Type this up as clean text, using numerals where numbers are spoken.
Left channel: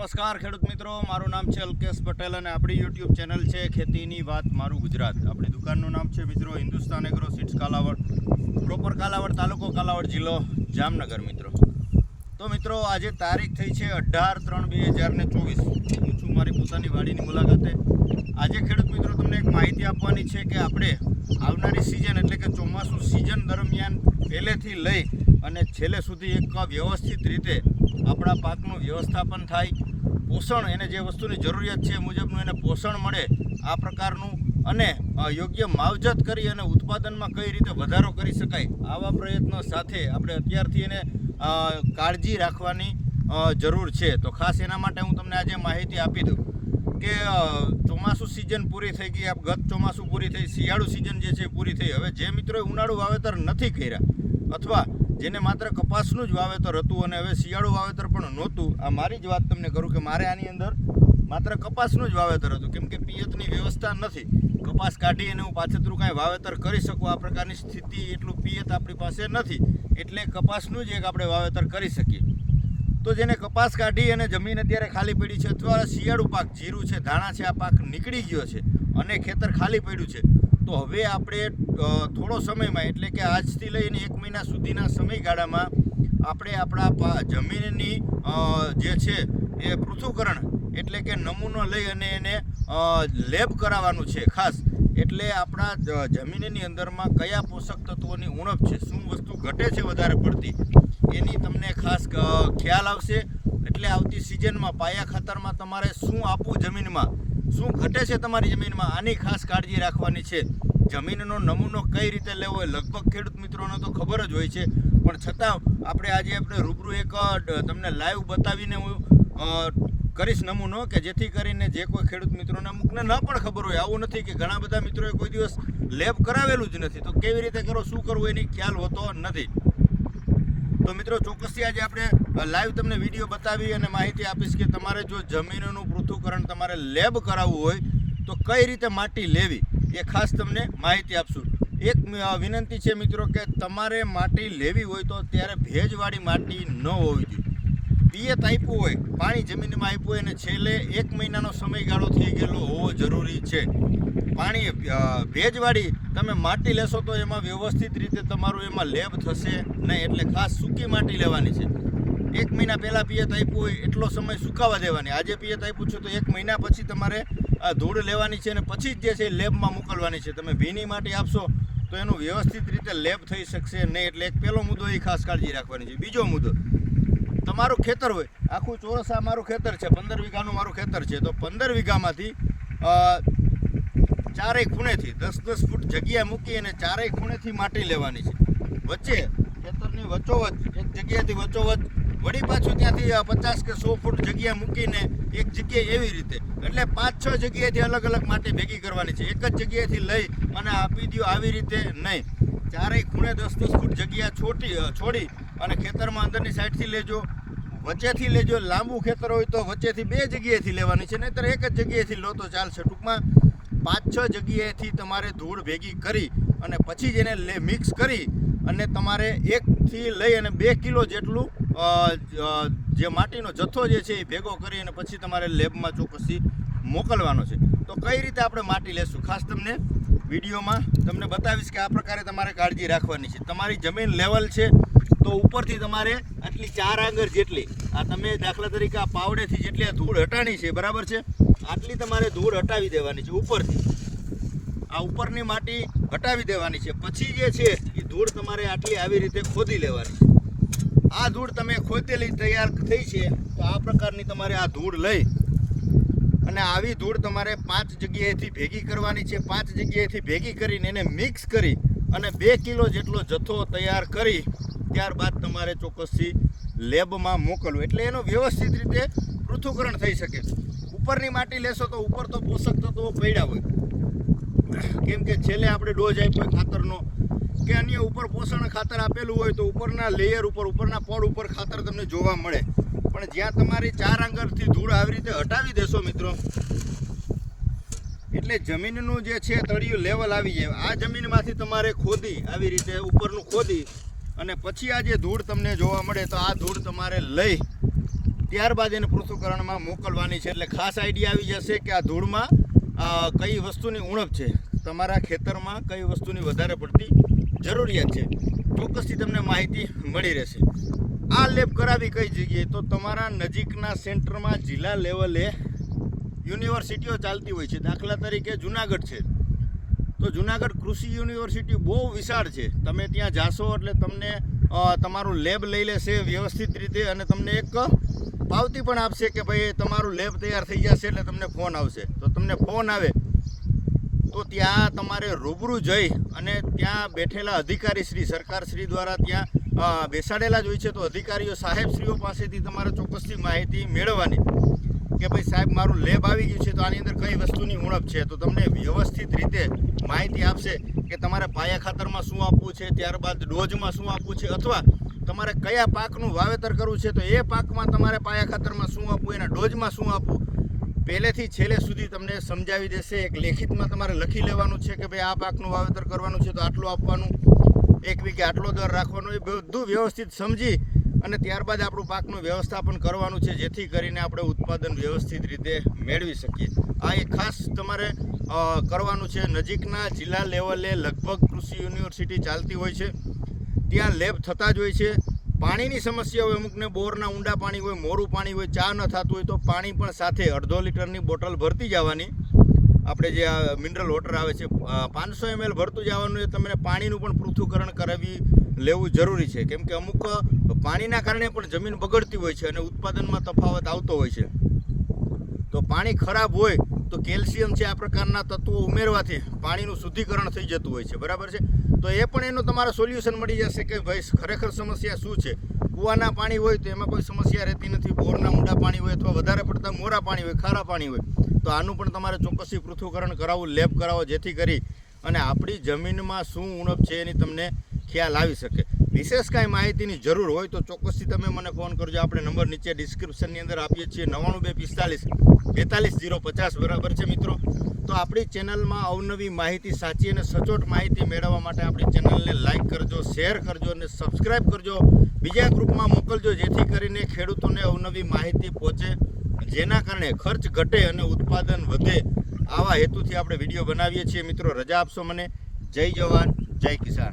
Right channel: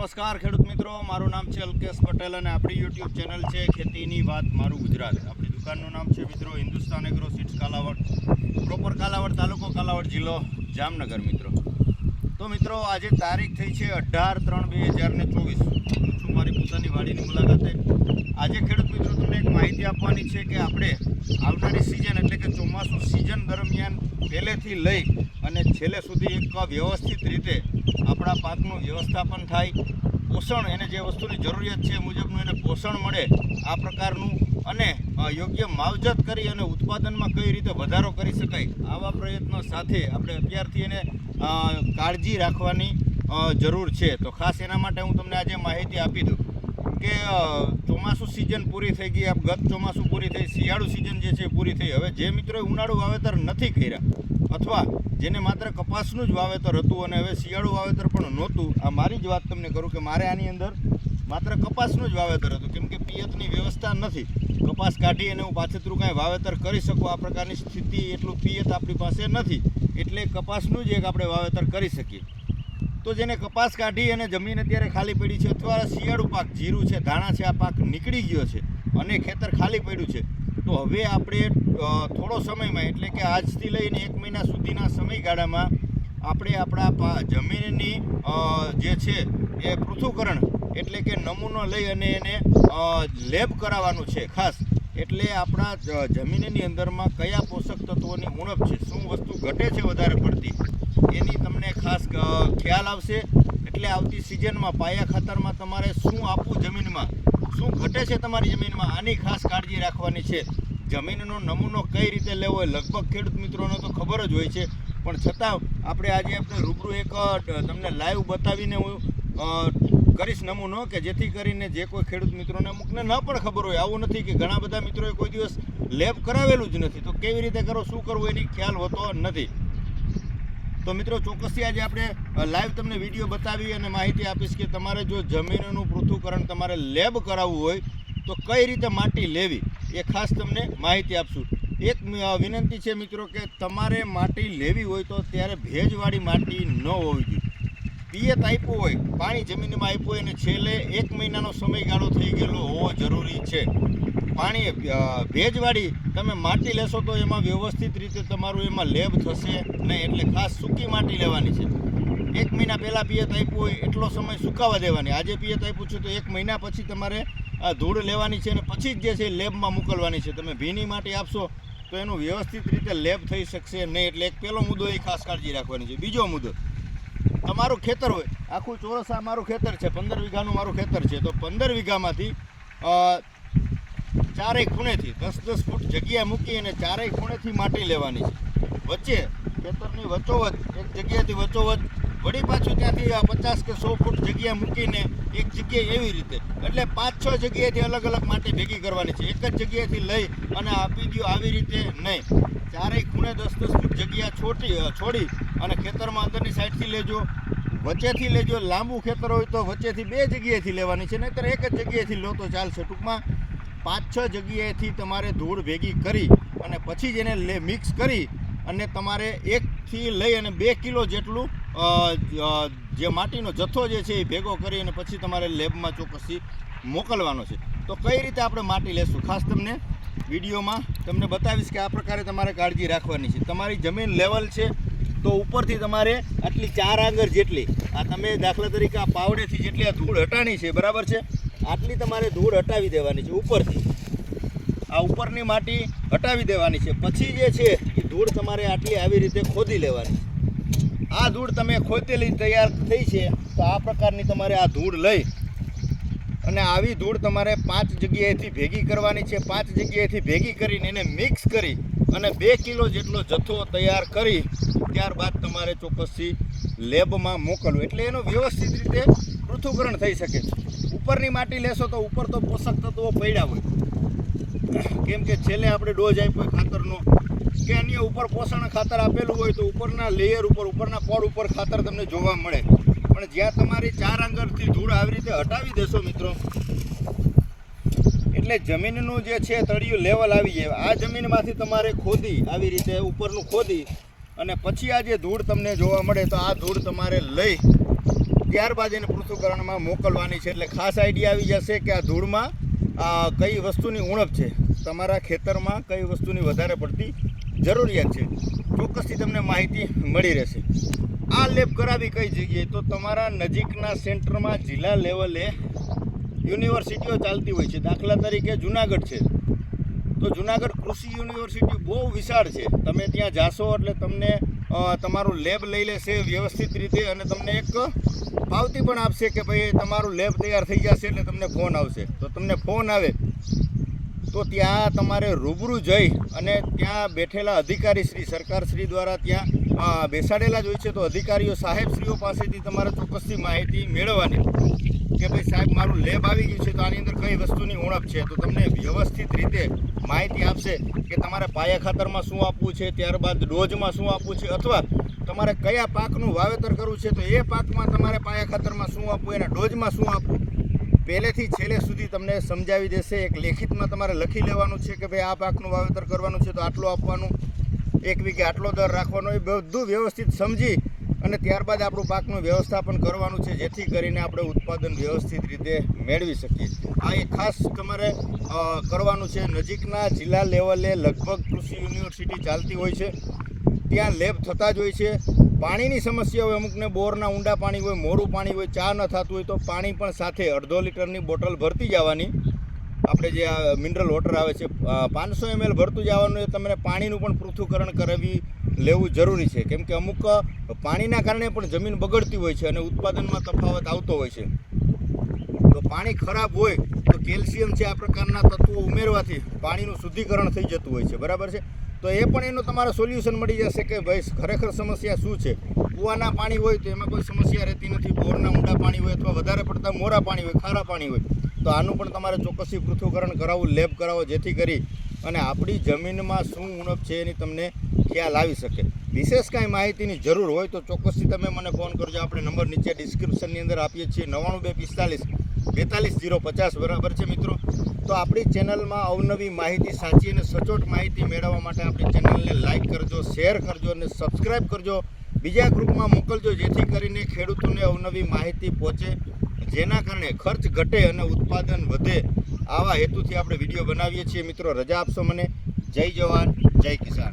નમસ્કાર ખેડૂત મિત્રો, મારું નામ છે અલ્કેશ પટેલ અને આપણી યુટ્યુબ ચેનલ છે ખેતીની વાત મારું ગુજરાત. આપણી દુકાનનું નામ છે મિત્રો Hindustan agro seeds Kalavad, proper Kalavad તાલુકો, કાલાવડ જિલ્લો, જામનગર. મિત્રો તો મિત્રો આજે તારીખ થઈ છે 18/3/2024. હું છું મારી પોતાની વાડીની મુલાકાતે. આજે ખેડૂત મિત્રો તમને એક માહિતી આપવાની છે કે આપણે આવનારી સિઝન એટલે કે ચોમાસું સિઝન દરમિયાન પહેલેથી લઈ અને છેલ્લે સુધી એક વ્યવસ્થિત રીતે આપણા પાકનું વ્યવસ્થાપન થાય, પોષણ એને જે વસ્તુની જરૂરિયાત છે મુજબનું એને પોષણ મળે આ પ્રકારનું, અને યોગ્ય માવજત કરી અને ઉત્પાદનમાં કઈ રીતે વધારો કરી શકાય આવા પ્રયત્નો સાથે આપણે અત્યારથી એને કાળજી રાખવાની જરૂર છે. તો ખાસ એના માટે હું તમને આજે માહિતી આપી દઉં કે ચોમાસું સિઝન પૂરી થઈ ગઈ, ગત ચોમાસું પૂરી થઈ, શિયાળુ સિઝન જે છે પૂરી થઈ. હવે જે મિત્રોએ ઉનાળુ વાવેતર નથી કર્યા અથવા જેને માત્ર કપાસનું જ વાવેતર હતું અને હવે શિયાળુ વાવેતર પણ નહોતું, આ મારી જ વાત તમને કરું કે મારે આની અંદર માત્ર કપાસનું જ વાવેતર હતું, કેમ કે પિયતની વ્યવસ્થા નથી. કપાસ કાઢી અને હું પાછતરું કાંઈ વાવેતર કરી શકું આ પ્રકારની સ્થિતિ, એટલું પિયત આપણી પાસે નથી, એટલે કપાસનું જ એક આપણે વાવેતર કરી શકીએ. તો જેને કપાસ કાઢી અને જમીન અત્યારે ખાલી પડી છે અથવા શિયાળુ પાક જીરું છે, ધાણા છે, આ પાક નીકળી ગયો છે અને ખેતર ખાલી પડ્યું છે, તો હવે આપણે થોડો સમયમાં એટલે કે આજથી લઈને 1 મહિના સુધીના સમયગાળામાં આપણે આપણા જમીનની જે છે એ પૃથ્થકરણ એટલે કે નમૂનો લઈ અને એને લેબ કરાવવાનું છે ખાસ. એટલે આપણા જમીનની અંદરમાં કયા પોષક તત્વોની ઉણપ છે, શું વસ્તુ ઘટે છે વધારે પડતી, એની તમને ખાસ ખ્યાલ આવશે. એટલે આવતી સિઝનમાં પાયા ખાતરમાં તમારે શું આપવું, જમીનમાં શું ઘટે છે તમારી જમીનમાં, આની ખાસ કાળજી રાખવાની છે. જમીનનો નમૂનો કઈ રીતે લેવો હોય લગભગ ખેડૂત મિત્રોને તો ખબર જ હોય છે, પણ છતાં આજે આપણે રૂબરૂ એક તમને લાઈવ બતાવીને હું કરીશ નમૂનો, કે જેથી કરીને જે કોઈ ખેડૂત મિત્રોને અમુકને ન પણ ખબર હોય. આવું નથી કે ઘણા બધા મિત્રોએ કોઈ દિવસ લેબ કરાવેલું જ નથી, તો કેવી રીતે કરો, શું કરવું એની ખ્યાલ હોતો નથી. તો મિત્રો ચોક્કસથી આજે આપણે લાઈવ તમને વિડીયો બતાવી અને માહિતી આપીશ કે તમારે જો જમીનનું પૃથ્થકરણ તમારે લેબ કરાવવું હોય તો કઈ રીતે માટી લેવી એ ખાસ તમને માહિતી આપશું. એક વિનંતી છે મિત્રો કે તમારે માટી લેવી હોય તો ત્યારે ભેજવાળી માટી ન હોવી જોઈએ. પિયત આપ્યું હોય, પાણી જમીનમાં આપ્યું હોય અને છેલ્લે 1 મહિનાનો સમયગાળો થઈ ગયેલો હોવો જરૂરી છે. પાણી ભેજવાળી તમે માટી લેશો તો એમાં વ્યવસ્થિત રીતે તમારું એમાં લેબ થશે નહીં, એટલે ખાસ સૂકી માટી લેવાની છે. 1 મહિના પહેલાં પિયત આપ્યું હોય એટલો સમય સુકાવા દેવાની. આજે પિયત આપ્યું છે તો 1 મહિના પછી તમારે ધૂળ લેવાની છે અને પછી જ જે છે લેબમાં મોકલવાની છે. તમે ભીની માટી આપશો તો એનું વ્યવસ્થિત રીતે લેબ થઈ શકશે નહીં, એટલે એક પહેલો મુદ્દો એ ખાસ કાળજી રાખવાની છે. બીજો મુદ્દો, તમારું ખેતર હોય આખું ચોરસ, આ મારું ખેતર છે, 15 વીઘાનું મારું ખેતર છે, તો 15 વીઘામાંથી ચારેય ખૂણેથી 10-10 ફૂટ જગ્યા મૂકી અને ચારેય ખૂણેથી માટી લેવાની છે. વચ્ચે ખેતરની વચ્ચોવચ એક જગ્યાએથી વચ્ચોવચ વળી પાછું ત્યાંથી 50 કે 100 ફૂટ જગ્યા મૂકીને એક જગ્યાએ એવી રીતે, એટલે 5-6 જગ્યાએથી અલગ અલગ માટી ભેગી કરવાની છે. એક જ જગ્યાએથી લઈ અને આપી દો આવી રીતે નહીં. ચારેય ખૂણે 10-10 ફૂટ જગ્યા છોડી અને ખેતરમાં અંદરની સાઈડથી લેજો, વચ્ચેથી લેજો. લાંબુ ખેતર હોય તો વચ્ચેથી 2 જગ્યાએથી લેવાની છે, નહીંતર એક જ જગ્યાએથી લો તો ચાલશે. ટૂંકમાં 5-6 જગ્યાએથી તમારે ધૂળ ભેગી કરી અને પછી જ એને મિક્સ કરી અને તમારે 1 થી લઈ અને 2 કિલો જેટલું જે માટીનો જથ્થો જે છે એ ભેગો કરી અને પછી તમારે લેબમાં ચોક્કસથી મોકલવાનો છે. તો કઈ રીતે આપણે માટી લેશું ખાસ તમને વિડીયોમાં તમને બતાવીશ કે આ પ્રકારે તમારે કાળજી રાખવાની છે. તમારી જમીન લેવલ છે તો ઉપરથી તમારે આટલી 4 આંગળ જેટલી, આ તમે દાખલા તરીકે આ પાવડેથી જેટલી આ ધૂળ હટાણી છે, બરાબર છે, આટલી તમારે ધૂળ હટાવી દેવાની છે ઉપરથી. આ ઉપરની માટી હટાવી દેવાની છે. પછી જે છે એ ધૂળ તમારે આટલી આવી રીતે ખોદી લેવાની છે. આ ધૂળ તમે ખોદેલી તૈયાર થઈ છે તો આ પ્રકારની તમારે આ ધૂળ લઈ અને આવી ધૂળ તમારે 5 જગ્યાએથી ભેગી કરવાની છે. 5 જગ્યાએથી ભેગી કરીને એને મિક્સ કરી અને 2 કિલો જેટલો જથ્થો તૈયાર કરી ત્યારબાદ તમારે ચોક્કસથી લેબમાં મોકલવું, એટલે એનું વ્યવસ્થિત રીતે પૃથ્થકરણ થઈ શકે છે. ઉપરની માટી લેશો તો ઉપર તો પોષક તત્વો પડ્યા હોય, કેમ કે છેલ્લે આપણે ડોઝ આપ્યો ખાતરનો કે અન્ય ઉપર પોષણ ખાતર આપેલું હોય તો ઉપરના લેયર ઉપર, ઉપરના પડ ઉપર ખાતર તમને જોવા મળે. પણ જ્યાં તમારી 4 આંગળથી ધૂળ આવી રીતે હટાવી દેશો મિત્રો, એટલે જમીનનું જે છે તળિયું લેવલ આવી જાય. આ જમીનમાંથી તમારે ખોદી આવી રીતે ઉપરનું ખોદી અને પછી આ જે ધૂળ તમને જોવા મળે તો આ ધૂળ તમારે લઈ ત્યારબાદ એને પૃથ્થકરણમાં મોકલવાની છે. એટલે ખાસ આઈડિયા આવી જશે કે આ ધૂળમાં કઈ વસ્તુની ઉણપ છે, તમારા ખેતરમાં કઈ વસ્તુની વધારે પડતી જરૂરિયાત છે, ચોક્કસથી તમને માહિતી મળી રહેશે. આ લેબ કરાવી કઈ જગ્યાએ, તો તમારા નજીકના સેન્ટરમાં જિલ્લા લેવલે યુનિવર્સિટીઓ ચાલતી હોય છે. દાખલા તરીકે જુનાગઢ છે, તો જુનાગઢ કૃષિ યુનિવર્સિટી બહુ વિશાળ છે. તમે ત્યાં જાશો એટલે તમને તમારું લેબ લઈ લેશે વ્યવસ્થિત રીતે, અને તમને એક પાવતી પણ આપશે કે ભાઈ તમારું લેબ તૈયાર થઈ જશે એટલે તમને ફોન આવશે. તો તમને ફોન આવે તો ત્યાં તમારે રૂબરૂ જઈ અને ત્યાં બેઠેલા અધિકારીશ્રી, સરકારશ્રી દ્વારા ત્યાં બેસાડેલા જ હોય છે, તો અધિકારીઓ સાહેબશ્રીઓ પાસેથી તમારે ચોક્કસથી માહિતી મેળવવાની કે ભાઈ સાહેબ મારું લેબ આવી ગયું છે, તો આની અંદર કઈ વસ્તુની ઉણપ છે. તો તમને વ્યવસ્થિત રીતે માહિતી આપશે કે તમારે પાયા ખાતરમાં શું આપવું છે, ત્યારબાદ ડોઝમાં શું આપવું છે, અથવા તમારે કયા પાકનું વાવેતર કરવું છે તો એ પાકમાં તમારે પાયા ખાતરમાં શું આપવું, એના ડોઝમાં શું આપવું, પહેલેથી છેલ્લે સુધી તમને સમજાવી દેશે. એક લેખિતમાં તમારે લખી લેવાનું છે કે ભાઈ આ પાકનું વાવેતર કરવાનું છે તો આટલું આપવાનું, એક વીઘે આટલો દર રાખવાનો, એ બધું વ્યવસ્થિત સમજી અને ત્યારબાદ આપણું પાકનું વ્યવસ્થાપન કરવાનું છે, જેથી કરીને આપણે ઉત્પાદન વ્યવસ્થિત રીતે મેળવી શકીએ. આ એક ખાસ તમારે કરવાનું છે. નજીકના જિલ્લા લેવલે લગભગ કૃષિ યુનિવર્સિટી ચાલતી હોય છે, ત્યાં લેબ થતા જ હોય છે. પાણીની સમસ્યા હોય, અમુકને બોરના ઊંડા પાણી હોય, મોરું પાણી હોય, ચા ન થતું હોય તો પાણી પણ સાથે 1.5 લીટરની બોટલ ભરતી જવાની. આપણે જે મિનરલ વોટર આવે છે 500 ml ભરતું જવાનું. એ તમને પાણીનું પણ પૃથ્થકરણ કરાવી લેવું જરૂરી છે, કેમ કે અમુક પાણીના કારણે પણ જમીન બગડતી હોય છે અને ઉત્પાદનમાં તફાવત આવતો હોય છે. તો પાણી ખરાબ હોય તો કેલ્શિયમ છે, આ પ્રકારના તત્વો ઉમેરવાથી પાણીનું શુદ્ધિકરણ થઈ જતું હોય છે, બરાબર છે. તો એ પણ એનું તમારે સોલ્યુશન મળી જશે કે ભાઈ ખરેખર સમસ્યા શું છે. કૂવાના પાણી હોય તો એમાં કોઈ સમસ્યા રહેતી નથી, બોરના ઊંડા પાણી હોય અથવા વધારે પડતા મોરા પાણી હોય, ખારા પાણી હોય, તો આનું પણ તમારે ચોક્કસથી પૃથ્થકરણ કરાવવું, લેબ કરાવો, જેથી કરી અને આપણી જમીનમાં શું ઉણપ છે એની તમને ખ્યાલ આવી શકે. વિશેષ કાંઈ માહિતીની જરૂર હોય તો ચોક્કસથી તમે મને ફોન કરજો. આપણે નંબર નીચે ડિસ્ક્રિપ્શનની અંદર આપીએ છીએ 9245 42 બરાબર છે મિત્રો. તો આપણી ચેનલમાં અવનવી માહિતી, સાચી અને સચોટ માહિતી મેળવવા માટે આપણી ચેનલને લાઇક કરજો, શેર કરજો અને સબસ્ક્રાઈબ કરજો, બીજા ગ્રુપમાં મોકલજો, જેથી કરીને ખેડૂતોને અવનવી માહિતી પહોંચે, જેના કારણે ખર્ચ ઘટે અને ઉત્પાદન વધે. આવા હેતુથી આપણે વિડીયો બનાવીએ છીએ મિત્રો. રજા આપશો મને. જય જવાન, જય કિસાન.